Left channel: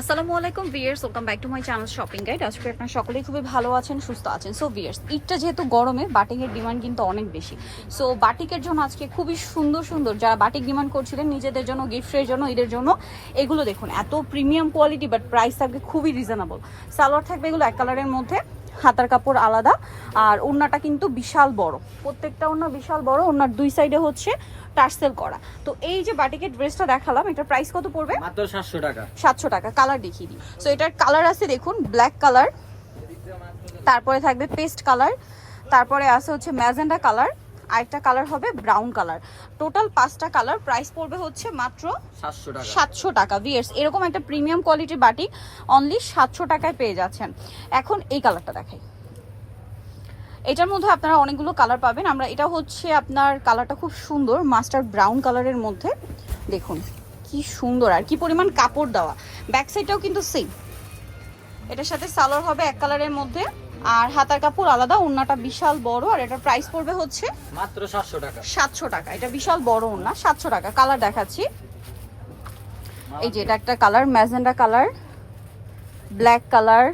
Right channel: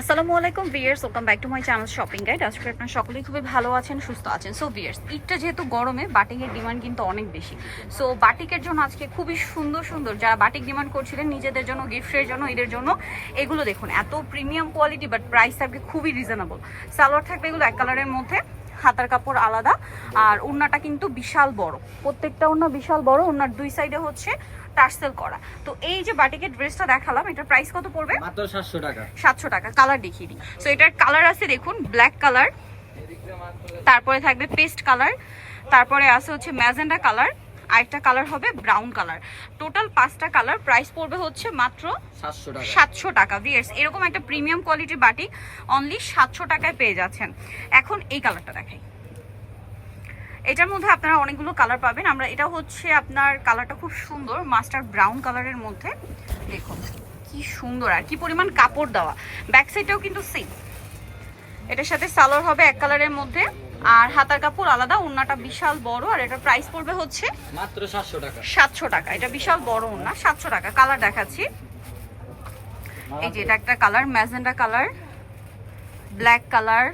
আসসালামু আলাইকুম viewers welcome back to my channel shopping guide আজকে আপনার সকলেই খুবই ভালো আছেন, সুস্থ আছেন। সো ভিয়ার্স ঈদটা যেহেতু গরমে বাটিকের ডিমান্ড কিন্তু অনেক বেশি। সো বাটিকের জন্য আজকে খুবই সুন্দর সুন্দর যারা বাটিক ডিমান্ড করছিলেন, নিজেদের জন্য গিফটের জন্য, ঈদের জন্য, এগুলো দেখুন। এত প্রিমিয়াম কোয়ালিটি বাট প্রাইস থাকবে খুবই রিজনেবল সালোয়ার থাকবে এগুলো এক কালারের মধ্যে। হাতার কাপড় আলাদা আর ওড়নাটা কিন্তু বিশাল বড়। প্রত্যেকটা ওড়না বিশাল বড় ওড়নার দুই সাইডে হচ্ছে টার্সেল করা। তো এই যে বাটিকের ড্রেসটা দেখালাম এটার প্রাইস কত পড়বে? মাত্র সাতশো টাকা। সাতশো টাকা কালার দেখিয়ে দিই। সো এটার কালার আছে দেখুন ব্ল্যাক কালার তারপরে থাকবে পেস্ট কালার তারপরে আছে হচ্ছে ম্যাজেন্ডা কালার আরেকটা কালার হবে ব্রাউন কালার। টোটাল পাঁচটা কালার প্রাইস পড়বে হচ্ছে মাত্র সাতশো টাকা। সাতশো টাকা। ভিয়ার্স এরকম একটা প্রিমিয়াম কোয়ালিটির বাটিক অনলি সাতশো টাকায় পেয়ে যাচ্ছেন। এখন এই কালারটা দেখাই। এটার মধ্যে আপনারা অনেকগুলো কালার পাবেন। আমরা এটা হচ্ছে আপনার কালারটা খুব সুন্দর মাস্টার ব্রাউন কালারের মধ্যে। দেখুন কি সুন্দর আর কি পরিমাণ কাপড় দেওয়া। ব্যাক সাইডটাও কিন্তু সেম এটার সাথে সালোয়ার হবে এক কালারের মধ্যে। আর হাতার কাপড় আলাদা ওড়নাটা বিশাল বড় আর এটার প্রাইস পড়বে হচ্ছে মাত্র সাতশো টাকা। সাতশো টাকা। এটা বিশাল বড় ওড়না সাতশো টাকা। কালার দেখাচ্ছি। এই যে এটা একটা colour magenta colour black colour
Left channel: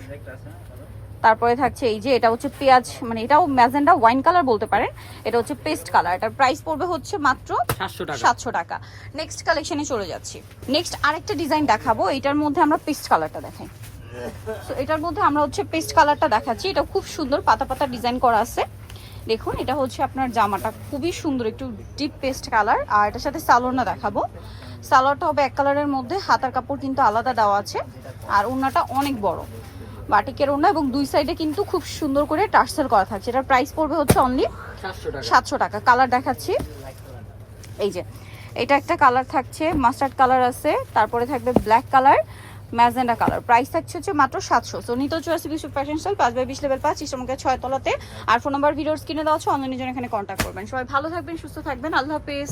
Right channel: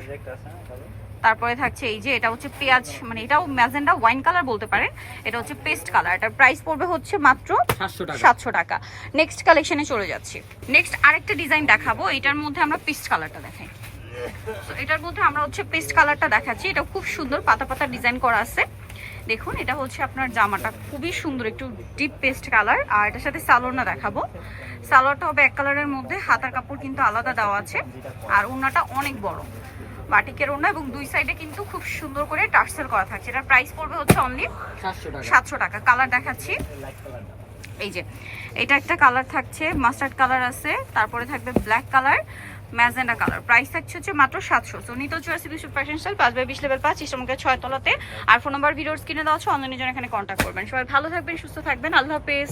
তারপরে থাকছে এই যে এটা হচ্ছে পেঁয়াজ মানে এটাও ম্যাজেন্ডা ওয়াইন কালার বলতে পারেন এটা হচ্ছে পেস্ট কালার এটার প্রাইস পড়বে হচ্ছে মাত্র সাতশো টাকা। সাতশো টাকা। নেক্সট কালেকশনে চলে যাচ্ছি। নেক্সট আরেকটা ডিজাইন দেখাবো। এটার মধ্যে আমরা পেস্ট কালারটা দেখাই। তো এটার মধ্যে আমরা হচ্ছে পেস্ট কালারটা দেখাচ্ছি। এটা খুব সুন্দর পাতা পাতা ডিজাইন করা আছে। দেখুন এটা হচ্ছে আপনার জামাটা। খুবই সুন্দর একটু ডিপ পেস্ট কালার আর এটার সাথে সালোয়ারটা দেখাবো। সালোয়ারটা হবে এক কালারের মধ্যে। হাতার কাপড় কিন্তু আলাদা দেওয়া আছে। আর ওড়নাটা অনেক বড়। বাটিকের ওড়না এবং দুই সাইডে কিন্তু খুব সুন্দর করে টার্সেল করা থাকছে। এটার প্রাইস পড়বে হচ্ছে অনলি সাতশো টাকা। কালার দেখাচ্ছি। এই যে এটা একটা কালার থাকছে। মাস্টার্ড কালার আছে। তারপরে থাকবে black colour magenta colour. Price থাকছে হচ্ছে মাত্র সাতশো। সো নিত চুয়াশি বিশ্ব ফ্যাশন স্টাইল পাঁচ বাই বিশ লেভেল পাঁচ ইসমকে ছয় তলাতে। আর ফোন নাম্বার ভিডিওর স্ক্রিনে দেওয়া হচ্ছে অনলাইনের জন্য এখানে কন্ট্যাক্ট করবেন। সবাই ভালো থাকবেন, সুস্থ থাকবেন। আল্লাহ হাফেজ।